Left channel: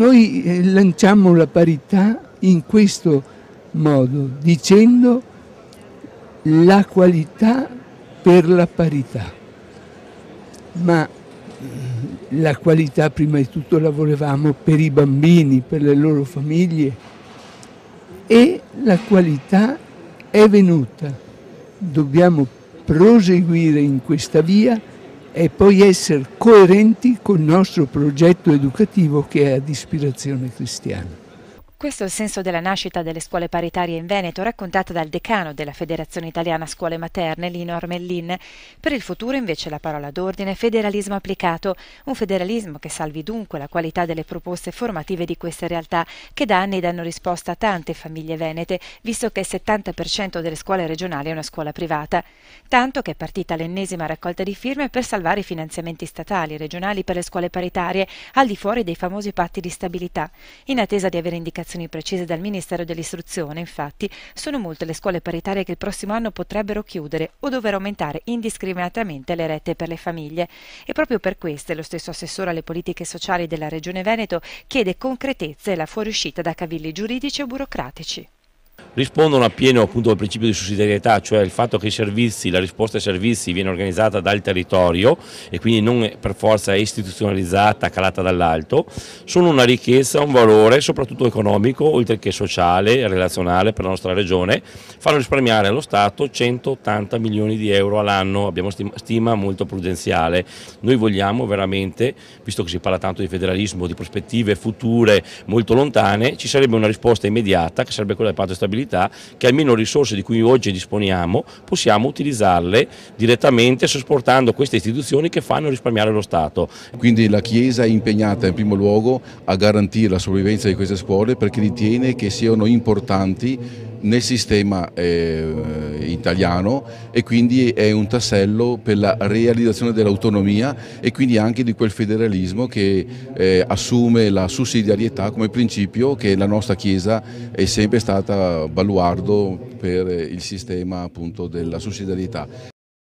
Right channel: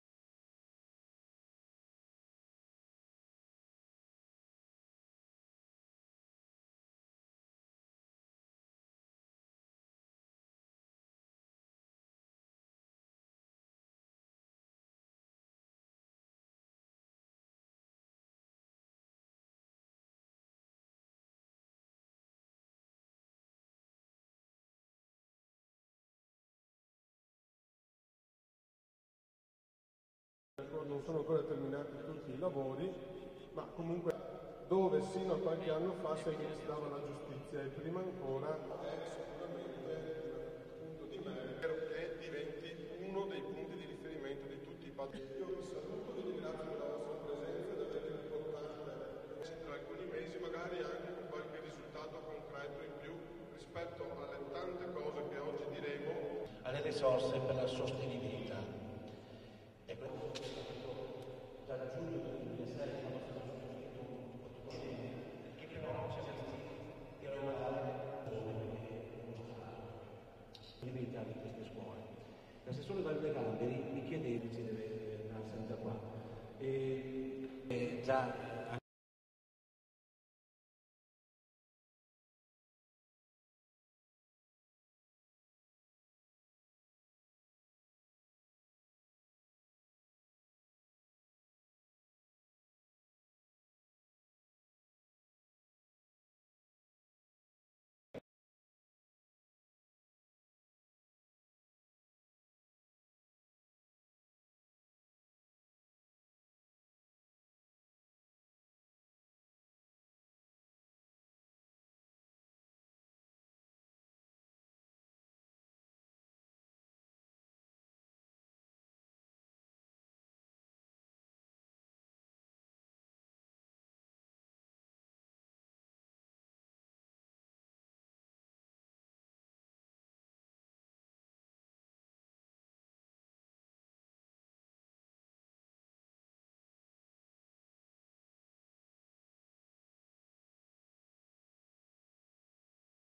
noi lanciamo la parità in questo modo, dicendo la qualità per la parità, ma la qualità prima di tutto la volevamo per i bambini, per le loro famiglie, e la qualità è venuta. Dobbiamo proseguire in questa via e poi essere coerenti col nostro progetto educativo che è ad ispirazione cristiana. Questo è il senso della nascita delle scuole paritarie in Veneto, raccontata dal decano della Federazione Italiana Scuole Materne, Lino Ormellin. Per il futuro invece la parola d'ordine: federalismo applicato, un federalismo che salvi dunque la qualità delle proposte formative di queste realtà, che da anni danno risposta a tante famiglie venete, visto che il 70% delle scuole regionali è una scuola privata. Tanto che è partita l'ennesima raccolta di firme per salvare i finanziamenti statali e regionali per le scuole paritarie, al di fuori dei famosi patti di stabilità. In attesa di avere indicazioni precise dal Ministero dell'Istruzione, infatti, sono molte le scuole paritarie che il prossimo anno potrebbero chiudere o dover aumentare indiscriminatamente le rette per le famiglie. E proprio per queste lo stesso assessore alle politiche sociali della Regione Veneto chiede concretezza e la fuoriuscita da cavilli giuridici o burocratici. Rispondono appieno appunto al principio di sussidiarietà, cioè il fatto che i servizi, la risposta ai servizi viene organizzata dal territorio e quindi non per forza è istituzionalizzata, calata dall'alto, sono una ricchezza, un valore soprattutto economico, oltre che sociale e relazionale per la nostra regione, fanno risparmiare allo Stato 180 milioni di euro all'anno, abbiamo stima molto prudenziale. Noi vogliamo veramente, visto che si parla tanto di federalismo, di prospettive future molto lontane, ci sarebbe una risposta immediata che sarebbe quella del patto di stabilità, che almeno risorse di cui oggi disponiamo possiamo utilizzarle direttamente sopportando queste istituzioni che fanno risparmiare lo Stato. Quindi la Chiesa è impegnata in primo luogo a garantire la sopravvivenza di queste scuole perché ritiene che siano importanti nel sistema italiano e quindi è un tassello per la realizzazione dell'autonomia e quindi anche di quel federalismo che assume la sussidiarietà come principio, che la nostra Chiesa è sempre stata baluardo per il sistema appunto della sussidiarietà.